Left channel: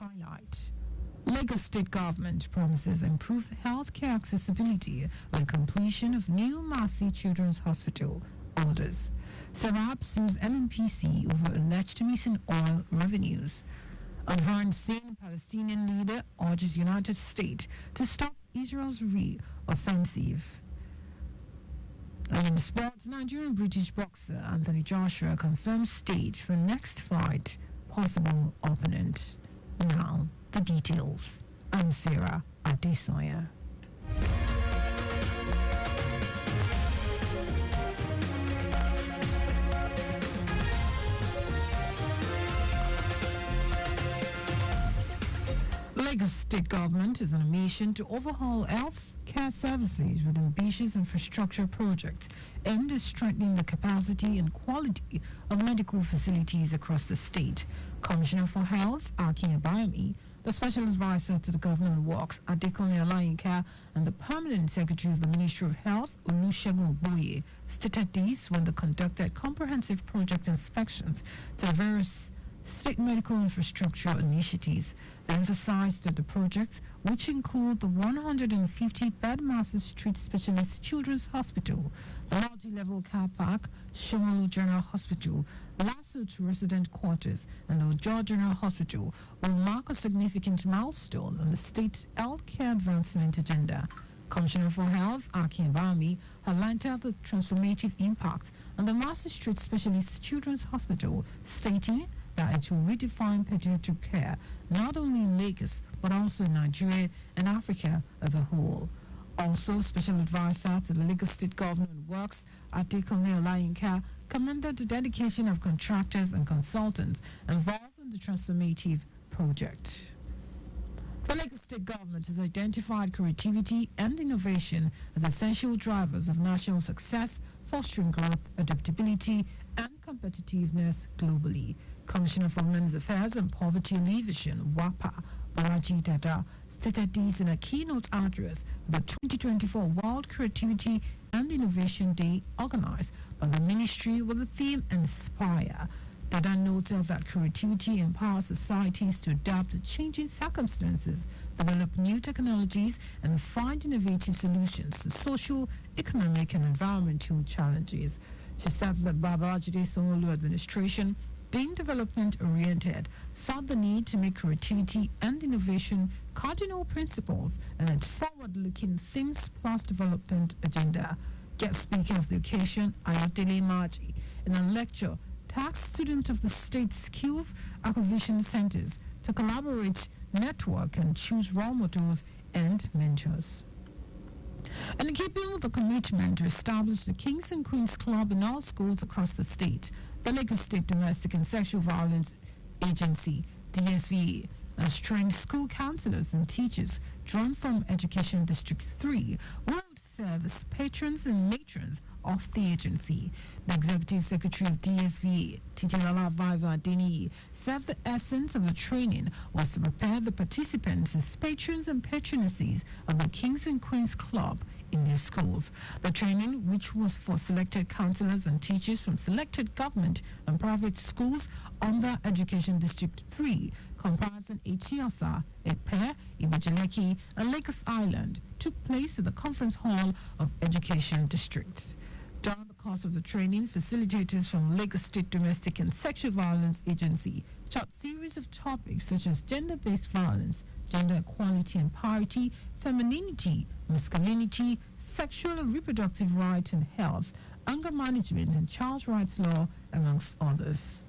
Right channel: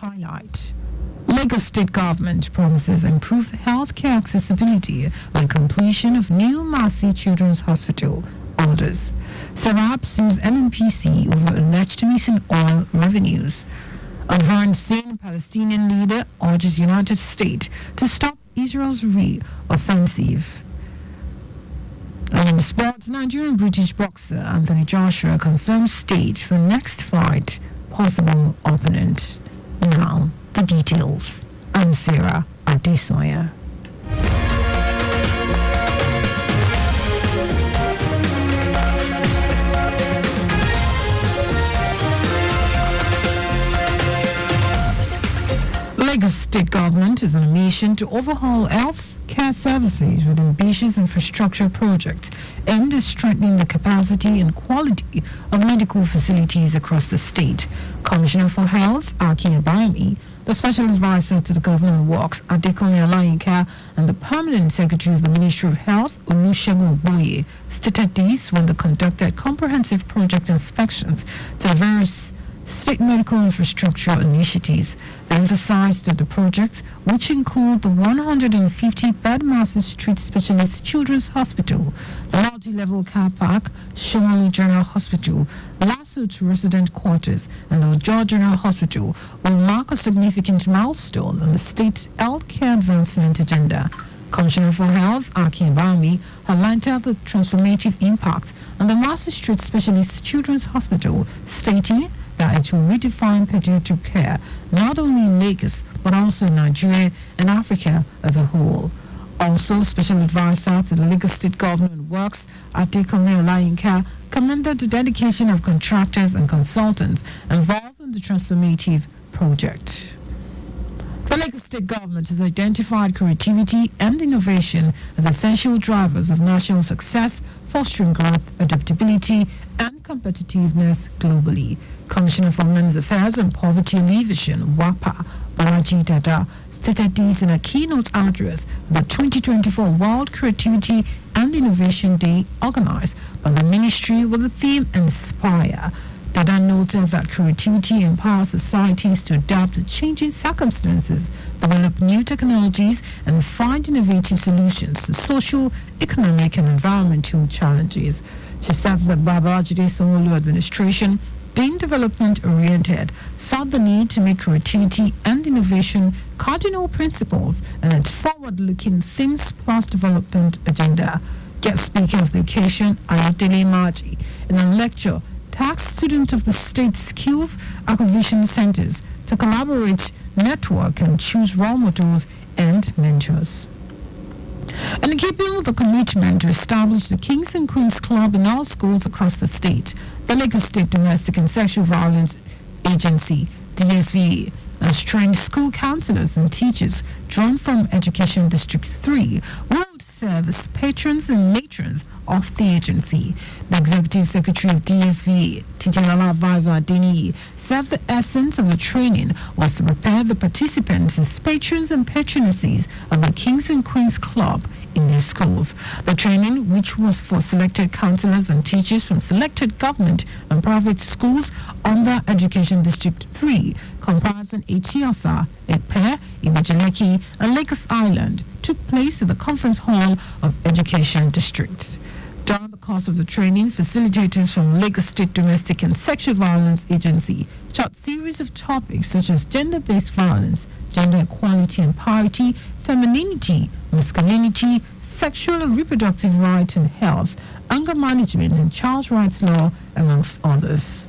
Highlight. Lagos State Government promises improved healthcare accessibility on completion of new Mercy Children's Hospital orders. Sarab sues NNPC over alleged missing oil revenues. Advancing Palestinian leader urges United States to stop Israel's re-offensive. And in sports, Nigerian British boxer Anthony Joshua confirms state for next fight, possible opponent. Now, the details. I'm Sarah Adesanya. Lagos State Government is on a mission to overhaul health care services with ambitious infrastructure projects aimed at strengthening the capacity and quality of medical facilities across the state. Commissioner for Health, Akin Abayemi, the Special Advisor to the Governor on Works, Adekunle Olayinka, and the Permanent Secretary of the Ministry of Health, Olusegun Ogboye, stated this when they conducted comprehensive project inspections to various state medical infrastructure initiatives. They emphasized that the projects, which include the 150-bed Mercy Street Specialist Children's Hospital, the multi-level car park, Shomolu General Hospital, Lasut Resident Quarters, and the Ojo General Hospital, will mark a significant milestone on the state's healthcare advancement agenda. Commissioner for Health, Akin Abayemi, highlighted the transformative impact on the Mercy Street Specialist Children's Hospital, stating that it will redefine pediatric care not only in Lagos but also in Nigeria and Africa as a whole. Also, Special Advisor to the Lagos State Government Works, Adekunle Olayinka, commended the dedication of contractors and consultants involved in the transformative project. The Lagos State Government has identified creativity and innovation as essential drivers of national success, fostering growth, adaptability, and competitiveness globally. Commissioner for Men's Affairs and Poverty Alleviation, WAPA, Balaji Dada, stated this in a keynote address at the 2024 World Creativity and Innovation Day organized by the ministry with the theme Inspire. Dada noted that creativity empowers societies to adapt to changing circumstances, develop new technologies, and find innovative solutions to social, economic, and environmental challenges. She said that Babajide Sanwo-Olu administration, being development-oriented, saw the need to make creativity and innovation cardinal principles and its forward-looking Things Plus development agenda. Guest speaker of the occasion, Ayodele Maji, in a lecture, tasked students of the state skills acquisition centers to collaborate, network, and choose role models and mentors. And in keeping with the commitment to establish the Kings and Queens Club in all schools across the state, the Lagos State Domestic and Sexual Violence Agency, DSVA, has trained school counselors and teachers drawn from Education District 3 who will serve as patrons and matrons of the agency. The Executive Secretary of DSVA, Titilawa Viva Deni, said the essence of the training was to prepare the participants as patrons and patronesses of the Kings and Queens Club in their schools. The training, which was for selected counselors and teachers from selected government and private schools under Education District 3, comprising Echiosa, Epe, Imajaleki, and Lagos Island, took place at the Conference Hall of Education District. During the course of the training, facilitators from Lagos State Domestic and Sexual Violence Agency taught series of topics such as gender-based violence, gender equality and parity, femininity, masculinity, sexual and reproductive rights and health, anger management and child rights law, amongst others.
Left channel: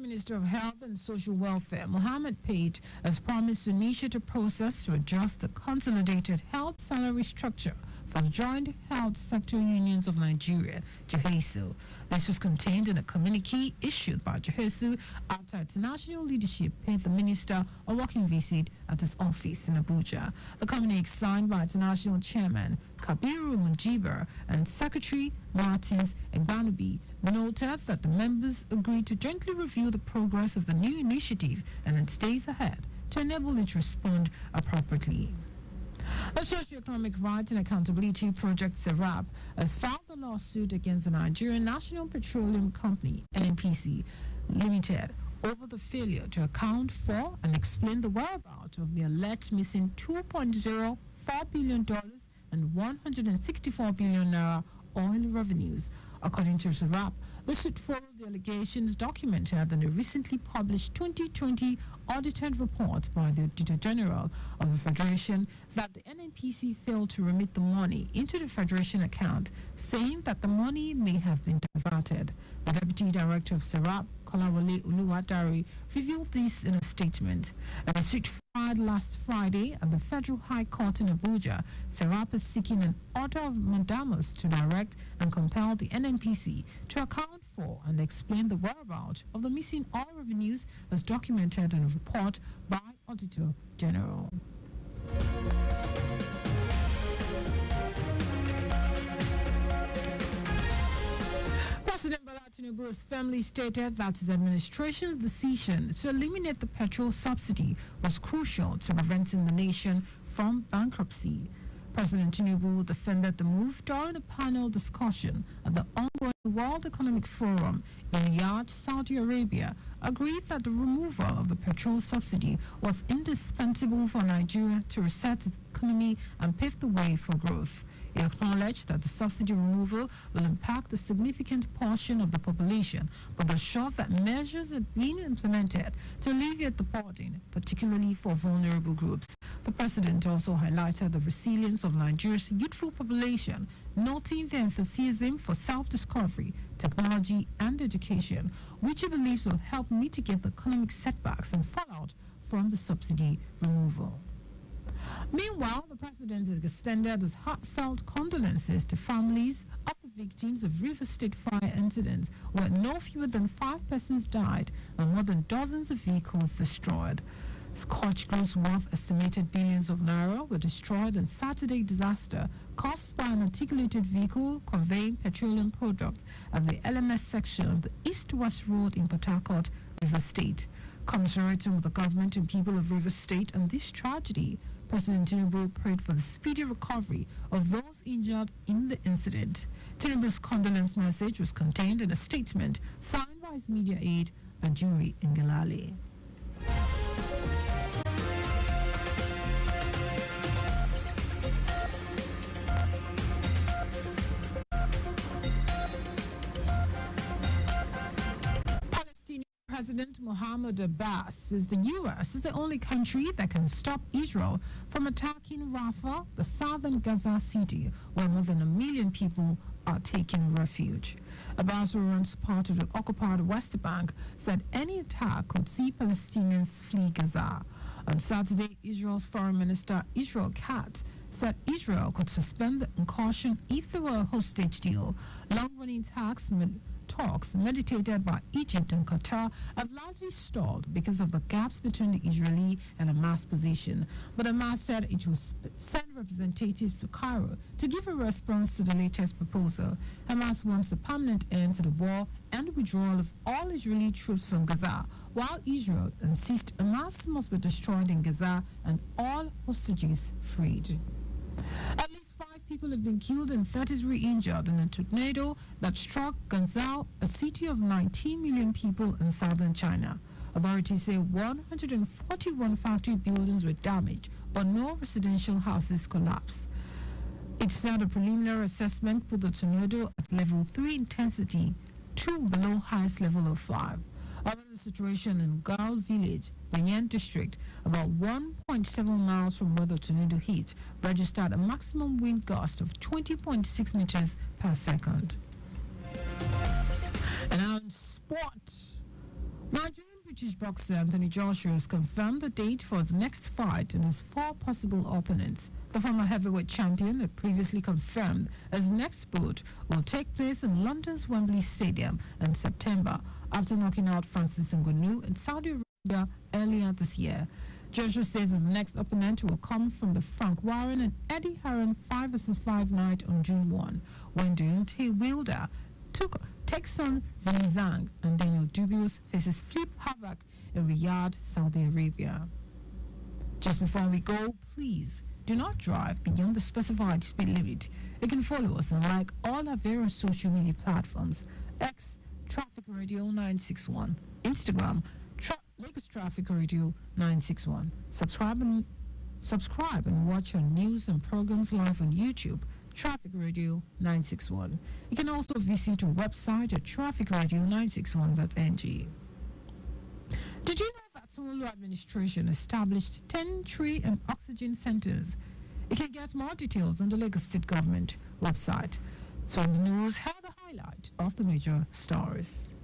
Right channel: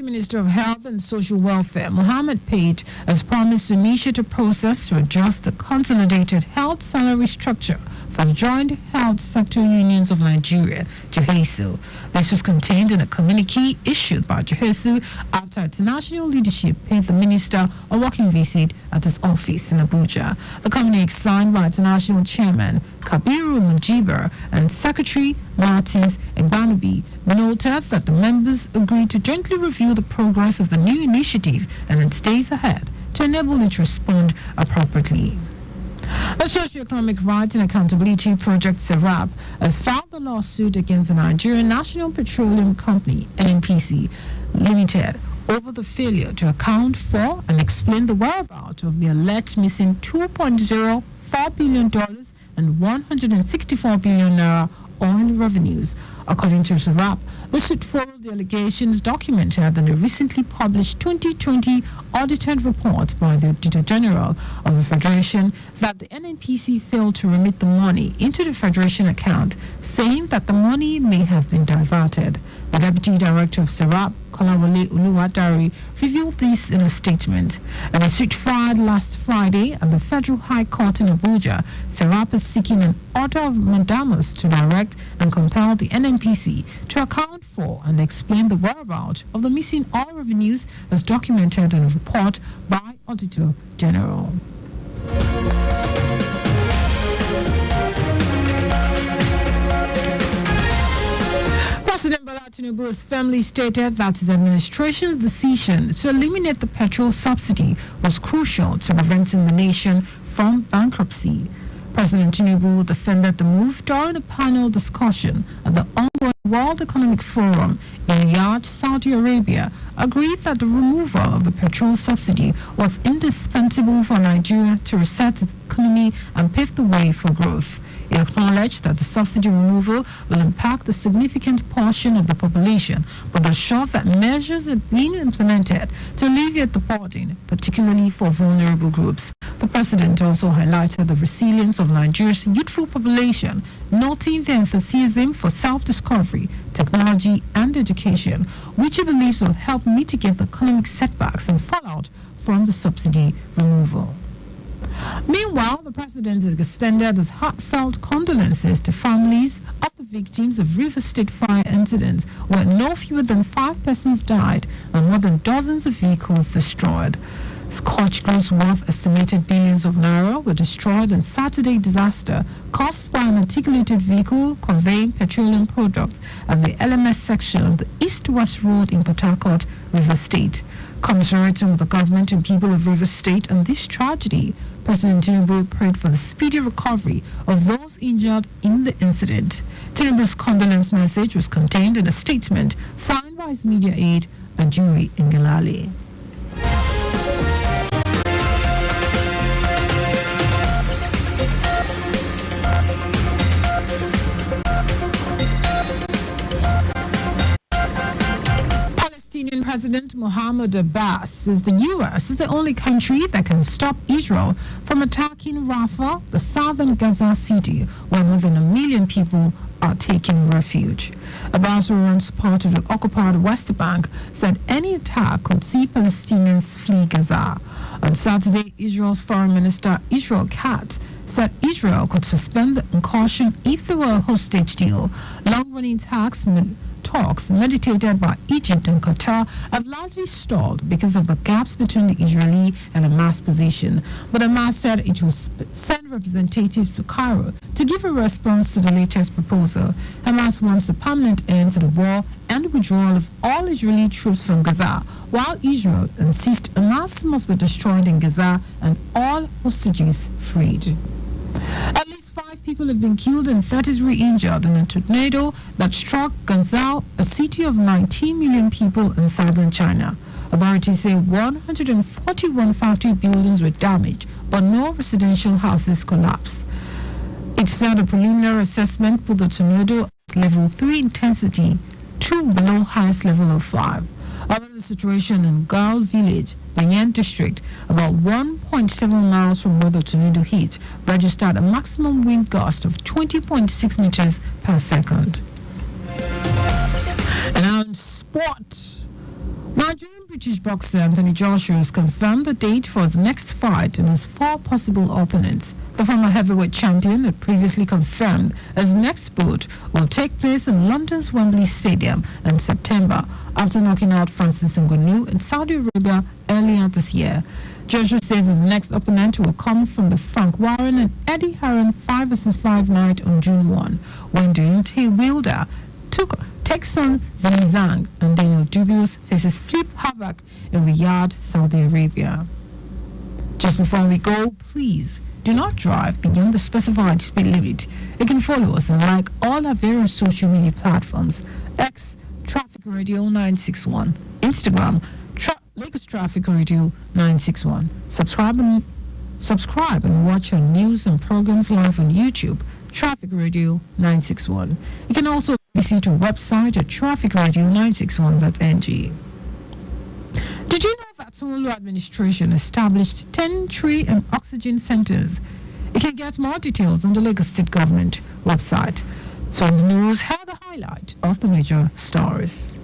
Minister of Health and Social Welfare, Mohammed Pate, has promised to initiate a process to adjust the consolidated health salary structure for the Joint Health Sector Unions of Nigeria, JHESU. This was contained in a communique issued by JHESU after its national leadership paid the minister a working visit at his office in Abuja. The communique, signed by its national chairman, Kabiru Mujiba, and Secretary Martins Egbanubi, noted that the members agreed to jointly review the progress of the new initiative and its days ahead to enable it to respond appropriately. The Socio-Economic Rights and Accountability Project (SERAP) has filed a lawsuit against the Nigerian National Petroleum Company (NNPC) Limited over the failure to account for and explain the whereabouts of the alleged missing $2.04 billion and 164 billion naira oil revenues. According to SERAP, the suit followed the allegations documented in the recently published 2020 audited report by the Auditor General of the Federation that the NNPC failed to remit the money into the Federation account, saying that the money may have been diverted. The Deputy Director of SERAP, Kolawole Uluwadari, revealed this in a statement. And the suit filed last Friday at the Federal High Court in Abuja, SERAP is seeking an order of mandamus to direct and compel the NNPC to account for and explain the whereabouts of the missing oil revenues as documented in a report by Auditor General. President Bola Tinubu's family stated that his administration's decision to eliminate the petrol subsidy was crucial to preventing the nation from bankruptcy. President Tinubu defended the move during a panel discussion at the ongoing World Economic Forum in Riyadh, Saudi Arabia, agreed that the removal of the petrol subsidy was indispensable for Nigeria to reset its economy and pave the way for growth. He acknowledged that the subsidy removal will impact a significant portion of the population, but assured that measures are being implemented to alleviate the burden, particularly for vulnerable groups. The president also highlighted the resilience of Nigeria's youthful population, noting their enthusiasm for self-discovery, technology, and education, which he believes will help mitigate the economic setbacks and fallout from the subsidy removal. Meanwhile, the president has extended his heartfelt condolences to families of the victims of River State fire incidents where no fewer than 5 persons died and more than dozens of vehicles destroyed. Scorched goods worth estimated billions of naira were destroyed in Saturday disaster caused by an articulated vehicle conveying petroleum products at the LMS section of the East-West Road in Port Harcourt, River State. Commiserating with the government and people of River State on this tragedy, President Tinubu prayed for the speedy recovery of those injured in the incident. Tinubu's condolence message was contained in a statement signed by his media aide, Ajuri Ngelale. Palestinian President Mohammed Abbas says the U.S. is the only country that can stop Israel from attacking Rafah, the southern Gaza city, where more than 1 million people are taking refuge. Abbas, who runs part of the occupied West Bank, said any attack could see Palestinians flee Gaza. On Saturday, Israel's Foreign Minister Israel Katz said Israel could suspend the incursion if there were a hostage deal. Long-running talks meditated by Egypt and Qatar have largely stalled because of the gaps between the Israeli and Hamas position. But Hamas said it will send representatives to Cairo to give a response to the latest proposal. Hamas wants a permanent end to the war and withdrawal of all Israeli troops from Gaza, while Israel insists Hamas must be destroyed in Gaza and all hostages freed. At least 5 people have been killed and 33 injured in a tornado that struck Guangzhou, a city of 19 million people in southern China. Authorities say 141 factory buildings were damaged, but no residential houses collapsed. It said a preliminary assessment put the tornado at level 3 intensity, 2 below highest level of 5. However, the situation in Gao village, the Yan district, about 1.7 miles from where the tornado hit, registered a maximum wind gust of 20.6 meters per second. And on sports, Nigerian British boxer Anthony Joshua has confirmed the date for his next fight and his 4 possible opponents. The former heavyweight champion had previously confirmed his next bout will take place in London's Wembley Stadium in September after knocking out Francis Ngannou in Saudi Arabia earlier this year. Joshua says his next opponent will come from the Frank Warren and Eddie Hearn 5 vs 5 night on June 1, when Deontay Wilder takes on Zhang Zhang and Daniel Dubious faces Flip Havoc in Riyadh, Saudi Arabia. Just before we go, please do not drive beyond the specified speed limit. You can follow us and like all our various social media platforms: X, Traffic Radio 961, Instagram, Lagos Traffic Radio 961. Subscribe and watch our news and programs live on YouTube, Traffic Radio 961. You can also visit our website at trafficradio961.ng. Did you know that Solo administration established 10 tree and oxygen centers? You can get more details on the Lagos State Government website. So in the news, here are the highlights of the major stories.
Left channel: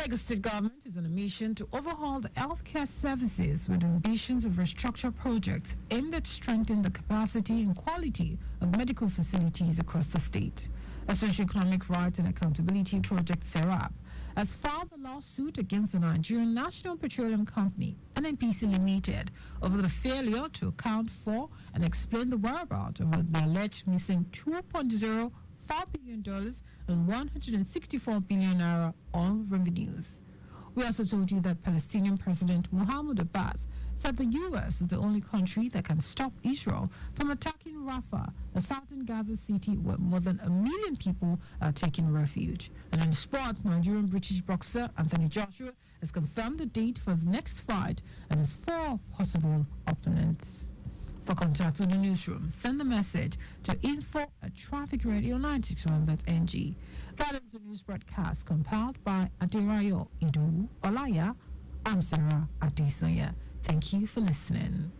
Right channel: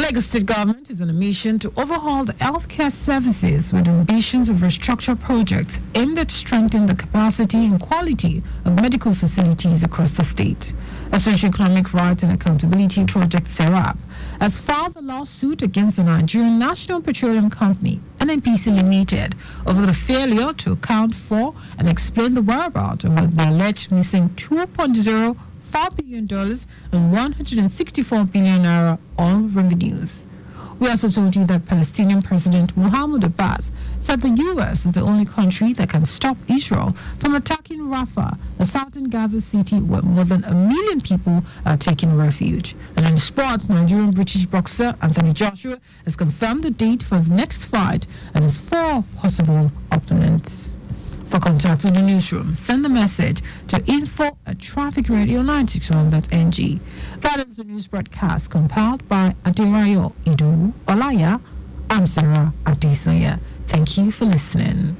Lagos State Government is on a mission to overhaul the healthcare services with ambitions of restructure projects aimed at strengthening the capacity and quality of medical facilities across the state. A Socioeconomic Rights and Accountability Project (SERAP) has filed a lawsuit against the Nigerian National Petroleum Company (NNPC) Limited over the failure to account for and explain the whereabouts of the alleged missing $2.04 billion and 164 billion naira on revenues. We also told you that Palestinian President Mahmoud Abbas said the U.S. is the only country that can stop Israel from attacking Rafah, the southern Gaza city where more than 1 million people are taking refuge. And in sports, Nigerian British boxer Anthony Joshua has confirmed the date for his next fight and his 4 possible opponents. For contact with the newsroom, send a message to info@trafficradio961.ng. That is the news broadcast compiled by Aderayo Idu Olaya. I'm Sarah Adesanya. Thank you for listening.